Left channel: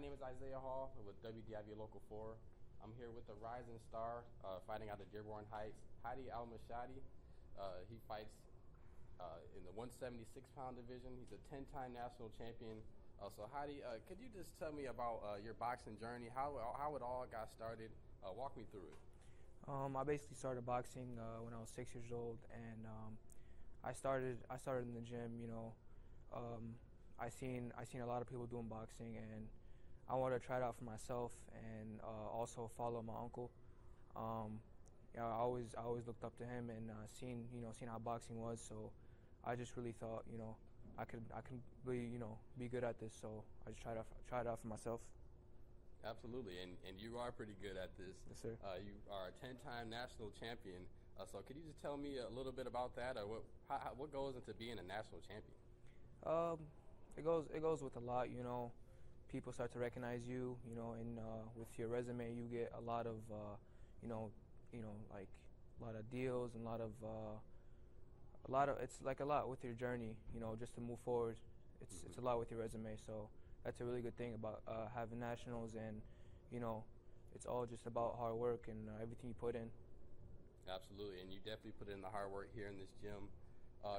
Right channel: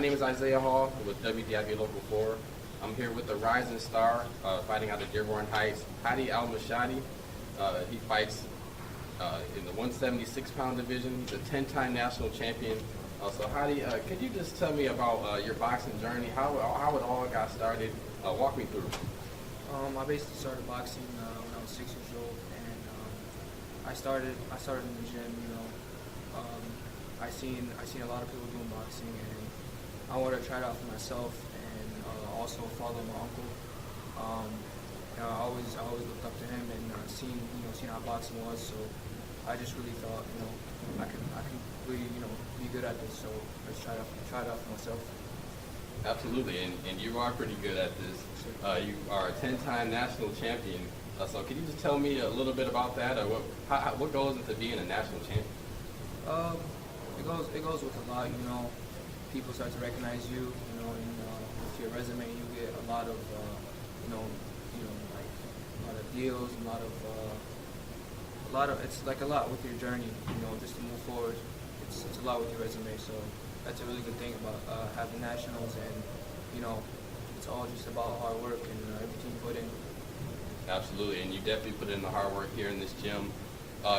name is Isaiah Hall with WDIV Local 4. I'm here with the rising star fighting out of Dearborn Heights, Hadi Al Mashhadi. He fights in the 176-pound division. He's a 10-time national champion. So Hadi, could you just tell me about your boxing journey, how it all got started? Walk me through. I basically started boxing when I was 6 years old, and I started in the gym. I seen a lot of people doing boxing, and I wanted to try it out for myself, and also follow my uncle. I always looked up to him and seen how boxing was. So I just really thought I can really be good at this. So let's try it out for myself. Absolutely, and you are pretty good at this. You are a 10-time national champion. So can you just tell me a little bit about that? Or what goes into being a national champion? It goes with a lot. People start to recognize you. And with your resume, you get a lot of like a lot of deals, it's like a lot with your journey. Just to move forward. It's a lot with your resume. So that's a really good thing about having nationals, and it's all just about hard work and everything you put in. Absolutely, and you definitely put in the hard work here in this gym.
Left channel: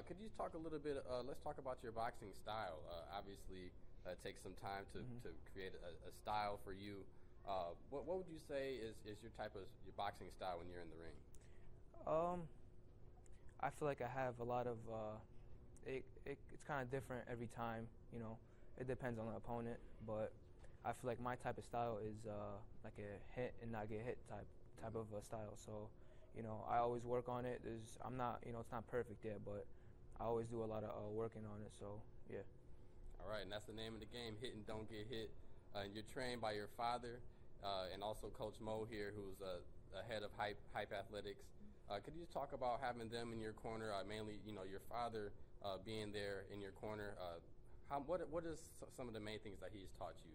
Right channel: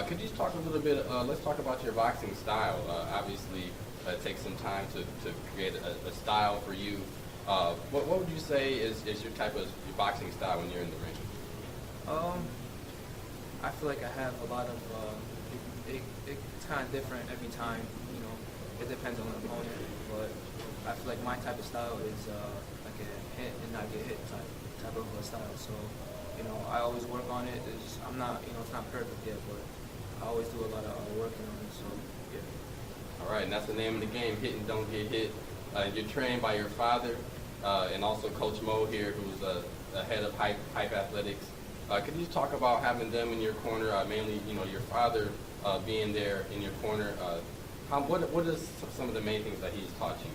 Could you just talk a little bit, let's talk about your boxing style. Obviously, it takes some time to create a style for you. What would you say is your type of your boxing style when you're in the ring? I feel like I have a lot of, it's kind of different every time, it depends on the opponent, but I feel like my type of style is like a hit and not get hit type of style. So I always work on it. I'm not, it's not perfect yet, but I always do a lot of working on it. So yeah. All right, and that's the name of the game: hit and don't get hit. You're trained by your father, and also Coach Mo here, who's the head of Hype Athletics. Could you talk about having them in your corner? Mainly, your father being there in your corner. What is some of the main things that he's taught you?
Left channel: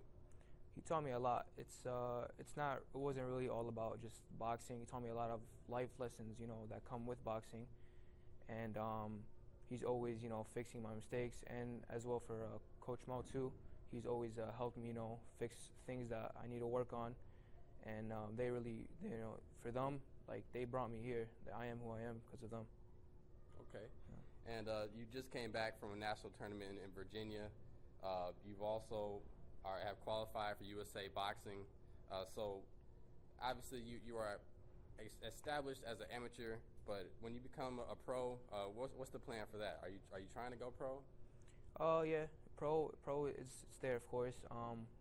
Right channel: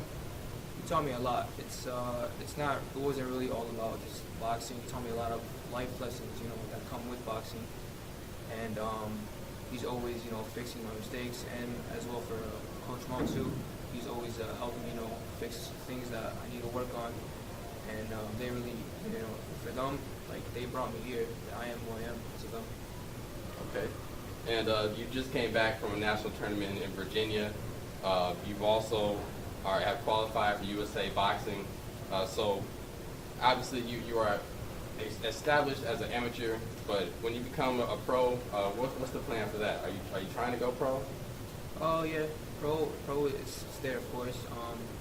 He taught me a lot. It wasn't really all about just boxing. He taught me a lot of life lessons, that come with boxing. And he's always, fixing my mistakes, and as well for Coach Mo too. He's always helping me, fix things that I need to work on. And they really, for them, like they brought me here. I am who I am because of them. Okay. And you just came back from a national tournament in Virginia. You've also have qualified for USA Boxing. So obviously you are established as an amateur, but when you become a pro, what's the plan for that? Are you trying to go pro? Oh yeah, pro is there, of course.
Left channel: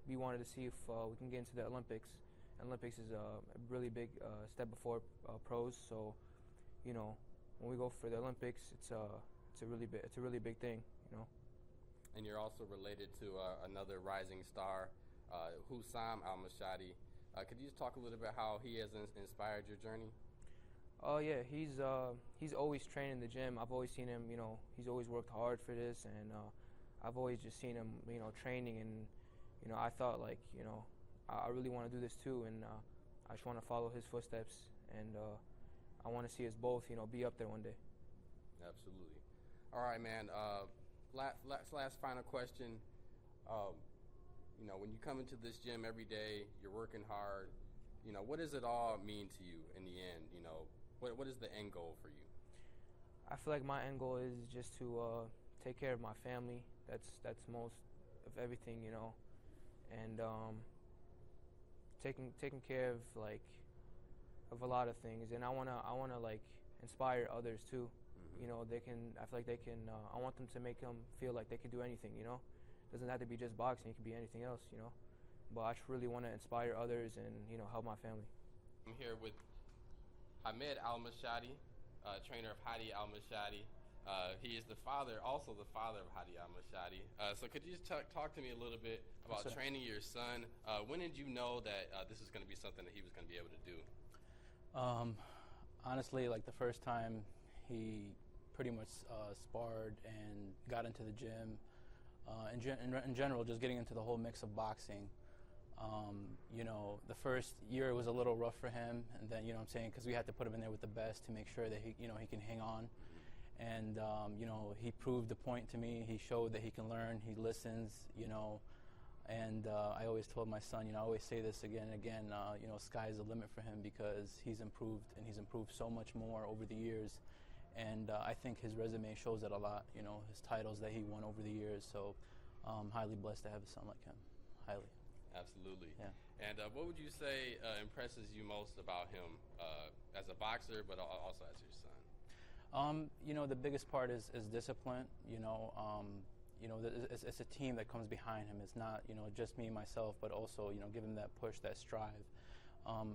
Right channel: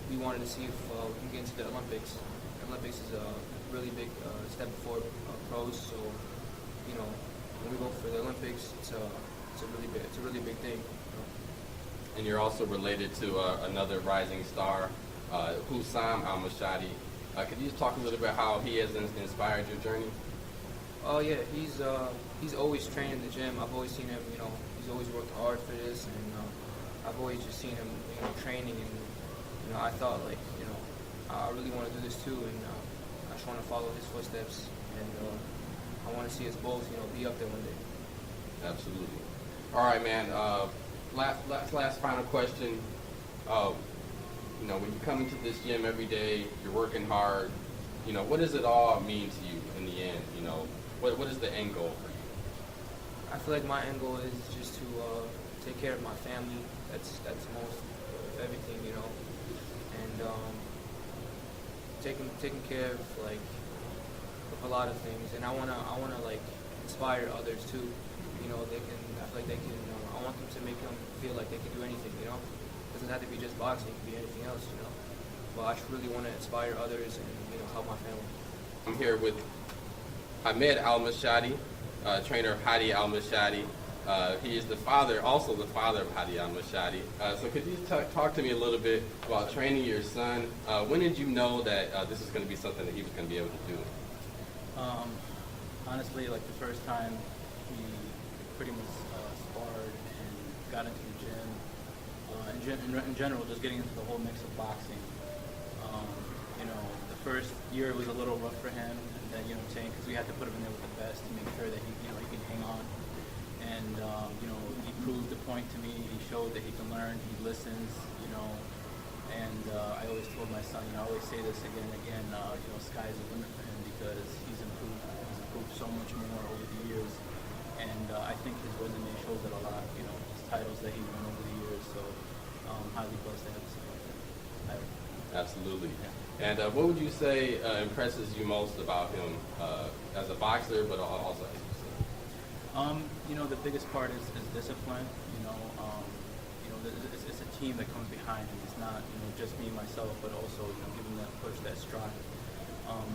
We wanted to see if we can get into the Olympics. The Olympics is a really big step before pros. So when we go for the Olympics, it's a really big thing. And you're also related to another rising star, Hamed Al Mashhadi. Could you just talk a little bit how he has inspired your journey? Oh yeah, he's always trained in the gym. I've always seen him. He's always worked hard for this, and I've always just seen him, training. And I thought I really want to do this too, and I just want to follow his footsteps, and I want to see us both, be up there one day. Absolutely. All right, man. Last final question. When you come into this gym every day, you're working hard. What does it all mean to you in the end? What is the end goal for you? I feel like my end goal is just to take care of my family. That's most of everything, and taking care of a lot of things. And I wanna inspire others too. I feel like they can. I want them to make them feel like they can do anything. It doesn't have to be just boxing. It can be anything else. But I just really want to inspire others and help my family. I'm here with Hamed Al Mashhadi, trainer of Hadi Al Mashhadi. He is also the father of Hadi Al Mashhadi. So could you talk to me a little bit about training your son? When did you know that this is going to be something that he was going to be able to do? Honestly, the first time we pretty much sparred and got into the gym, in general, just getting into the whole mix of boxing. The first year it was a little rough for him, and then because we had to put him in there with the best to make sure that he can hang on. And he proved the point to me. He showed that he can learn. He listens. And I always told my son, I always say this again and again, sky's the limit for him because he's improved. He's improved so much more over the years. And I think his resume shows it a lot, his titles that he won over the years. So I'm highly blessed to have a son like that. Absolutely. Yeah. And what would you say impresses you most about him as a boxer, but also as a person? The biggest part is discipline. It's a team that comes behind him. It's not, just me, myself, but also, giving that push, that stride.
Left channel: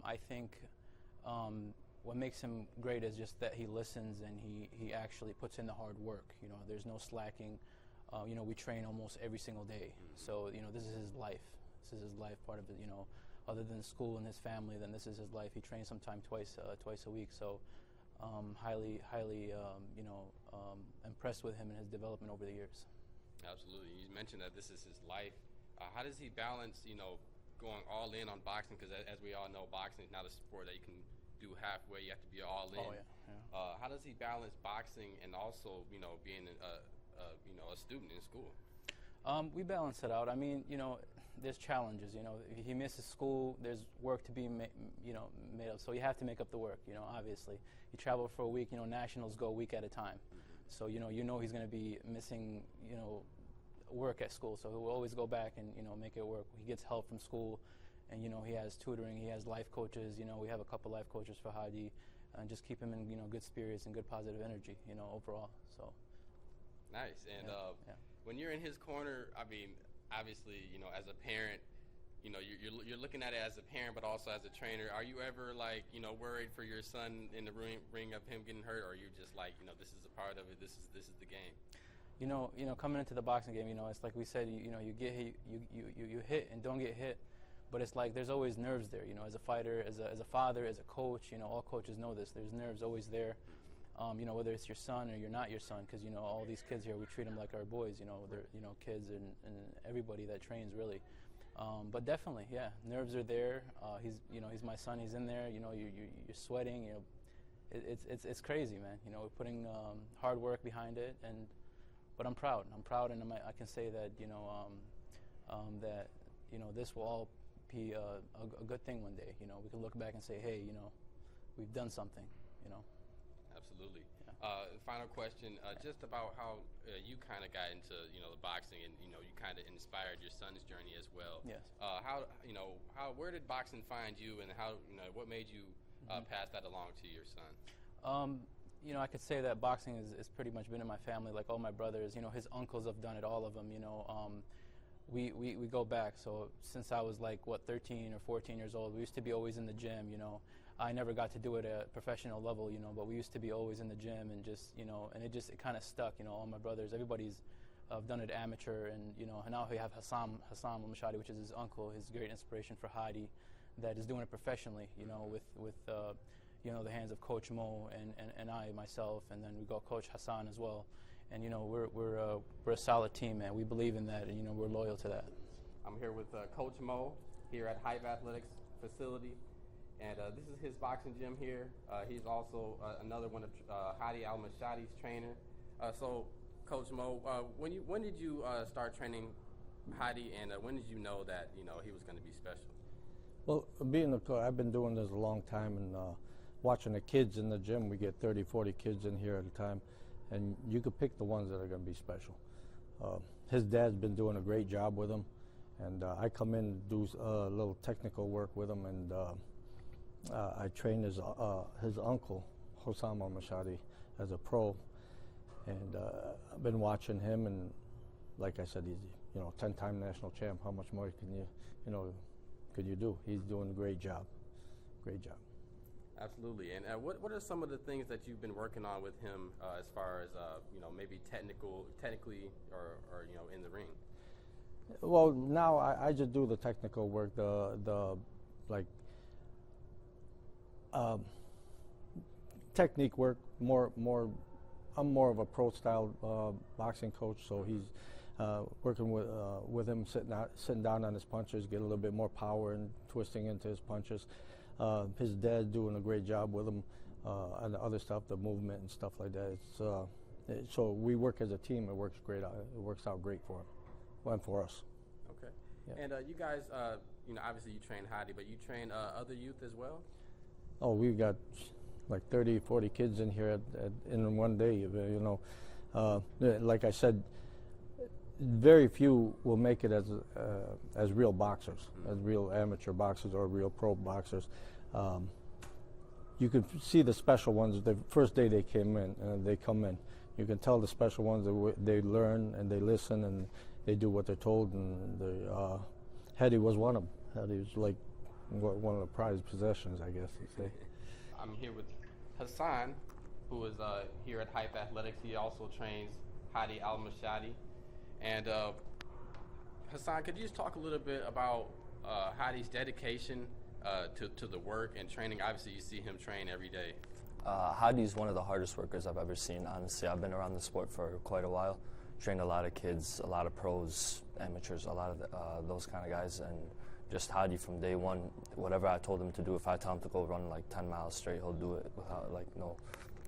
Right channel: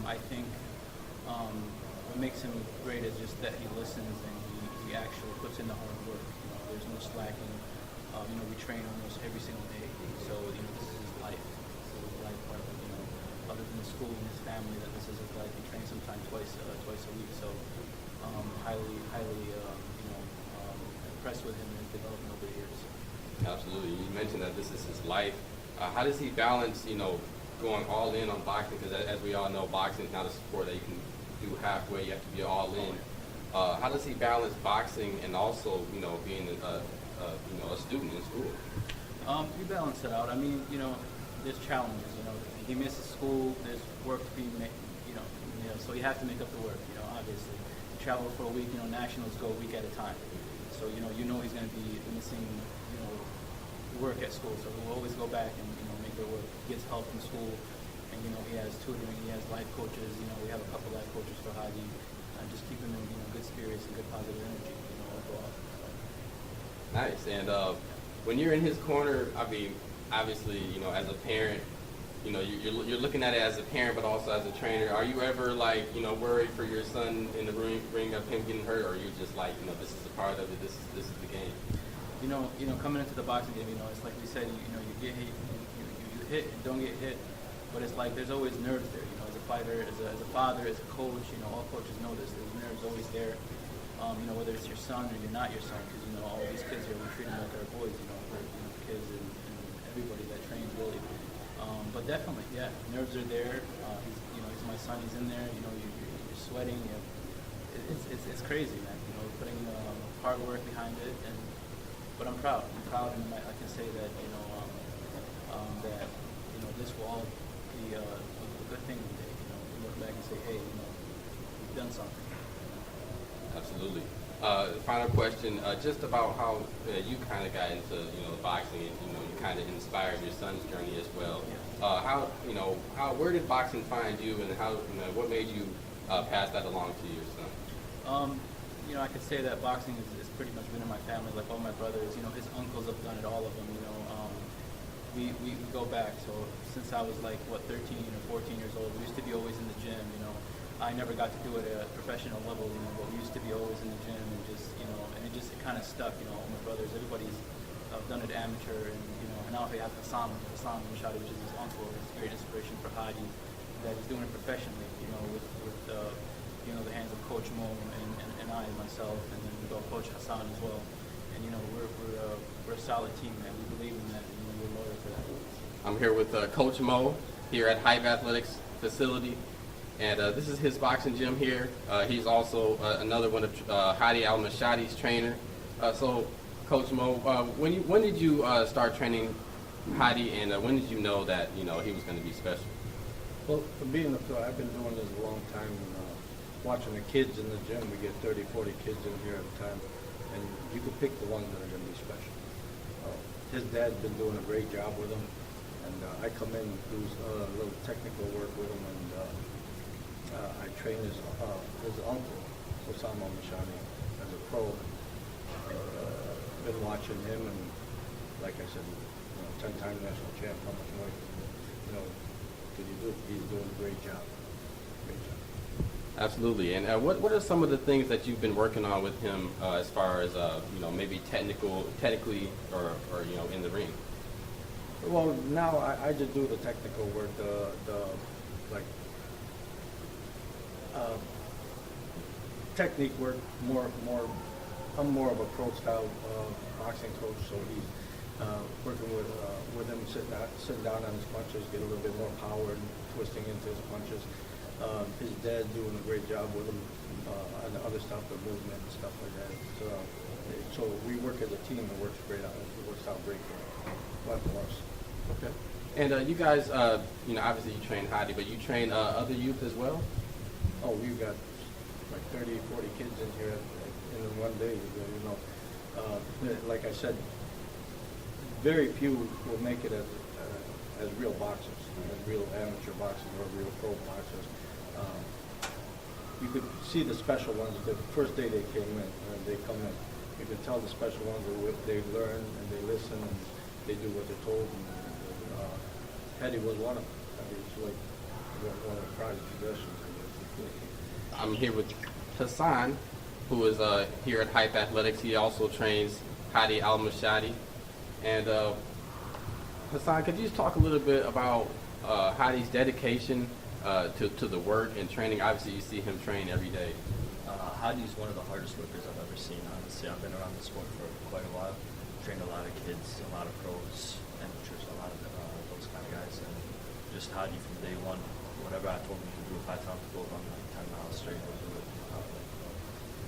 I think what makes him great is just that he listens and he actually puts in the hard work. There's no slacking. We train almost every single day. So, this is his life. This is his life part of it, other than school and his family, that this is his life. He trains sometimes twice a week. So, highly, impressed with him and his development over the years. Absolutely. You mentioned that this is his life. How does he balance, going all in on boxing? Because as we all know, boxing is not a sport that you can do halfway. You have to be all in. How does he balance boxing and also, being a student in school? We balance it out. I mean, there's challenges. He misses school. There's work to be made. So you have to make up the work. Obviously, you travel for a week. Nationals go a week at a time. So he's going to be missing work at school. So he'll always go back and make it work. He gets help in school, and he has tutoring. He has life coaches. We have a couple life coaches for Hadi. Just keep him in good spirits and good positive energy. Overall. So. Nice. And when you're in his corner, I mean, obviously, as a parent, you're looking at it as a parent, but also as a trainer. Are you ever worried for your son in the ring of him getting hurt, or are you just this is a part of it. This is the game. Coming into the boxing game, it's like we said, you get hit, you hit and don't get hit, but it's like there's always nerves there. As a fighter, as a father, as a coach, all coaches know this. There's nerves always there. Whether it's your son or you're not your son, because all these kids here, we treat them like our boys. Kids and everybody that trains really. But definitely, yeah, nerves are there. He's my son. He's in there. You're sweating. It's crazy, man. Putting hard work behind it, but I'm proud. And I can say that that this will all be a good thing one day. We look back and say, hey, we've done something. Absolutely. Final question, just about how you kind of got into boxing, and you kind of inspired your son's journey as well. Yeah. Where did boxing find you, and what made you pass that along to your son? I could say that boxing is pretty much been in my family. Like all my brothers, his uncles have done it, all of them. We go back. So since I was 13 or 14 years old, we used to be always in the gym. I never got to do it at a professional level, but we used to be always in the gym and just, and it kind of stuck. All my brothers, everybody's done it amateur, and now we have Hamed Al Mashhadi, which is his uncle. He's a great inspiration for Hadi, that is doing it professionally. With the hands of Coach Mo and I myself, and then we got Coach Hassan as well. And we're a solid team, man. We believe in that, and we're loyal to that. I'm here with Coach Mo here at Hype Athletics facility, and this is his boxing gym here. He's also another one of Hadi Al Mashhadi's trainer. So, Coach Mo, when did you start training Hadi, and when did you know that he was going to be special? Well, for being I've been doing this a long time, and watching the kids in the gym. We get 30, 40 kids in here at a time, and you could pick the ones that are going to be special. His dad's been doing a great job with him, and I come in and do a little technical work with him, and I train his uncle, Hamed Al Mashhadi, as a pro, and been watching him, and like I said, 10-time national champ. How much more could you do? He's doing a great job. Great job. Absolutely. And what are some of the things that you've been working on with him as far as maybe technically or in the ring? Well, now I just do the technical work, technique work. I'm more of a pro style boxing coach, so he's working with him, sitting down on his punches, get a little bit more power and twisting into his punches. His dad's doing a great job with him on the other stuff, the movement and stuff like that. So we work as a team. It works great out. It works out great for us. Okay. And you guys, obviously you train Hadi, but you train other youth as well? Oh, we've got like 30, 40 kids in here in one day. Like I said, very few will make it as real boxers, as real amateur boxers or real pro boxers. You could see the special ones the first day they came in, they come in. You can tell the special ones they learn and they listen and they do what they're told. And Hadi was one of them. Hadi was like one of the prized possessions, I guess. It's like, I'm here with Hassan, who is here at Hype Athletics. He also trains Hadi Al Mashhadi. And Hassan, could you just talk a little bit about Hadi's dedication to the work and training? Obviously, you see him train every day. Hadi's one of the hardest workers I've ever seen, honestly. I've been around the sport for quite a while. Trained a lot of kids, a lot of pros, amateurs, a lot of those kind of guys. And just Hadi from day one, whatever I told him to do, if I tell him to go run like 10 miles straight, he'll do it.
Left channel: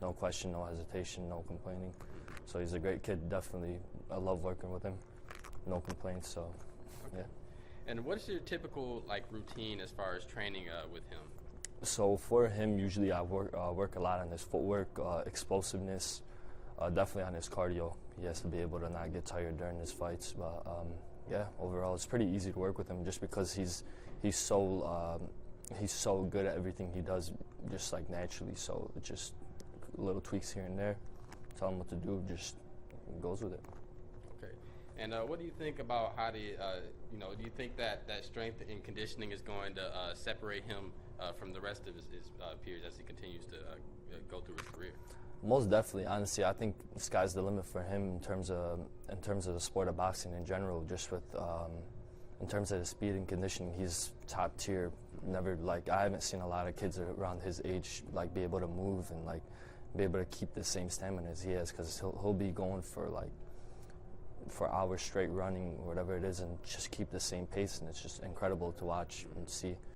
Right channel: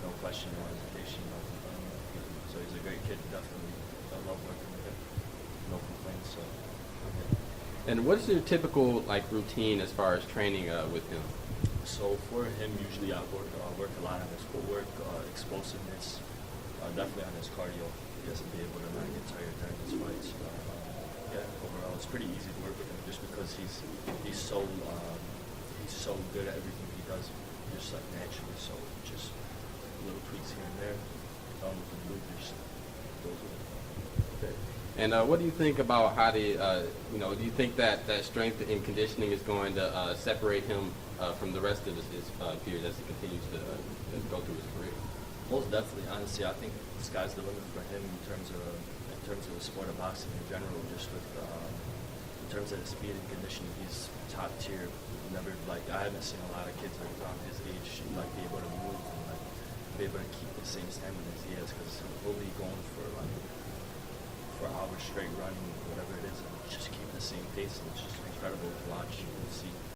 No question, no hesitation, no complaining. So he's a great kid, definitely. I love working with him. No complaints, so yeah. And what's your typical routine as far as training with him? So for him, usually I work a lot on his footwork, explosiveness, definitely on his cardio. He has to be able to not get tired during his fights. But yeah, overall, it's pretty easy to work with him just because he's so good at everything he does, just like naturally. So just little tweaks here and there, tell him what to do, just goes with it. Okay. And what do you think about Hadi? Do you think that strength and conditioning is going to separate him from the rest of his peers as he continues to go through his career? Most definitely, honestly, I think the sky's the limit for him in terms of the sport of boxing in general. Just with in terms of his speed and conditioning, he's top tier. Never I haven't seen a lot of kids around his age be able to move and be able to keep the same stamina as he has, because he'll be going for hours straight running, whatever it is, and just keep the same pace, and it's just incredible to watch and see.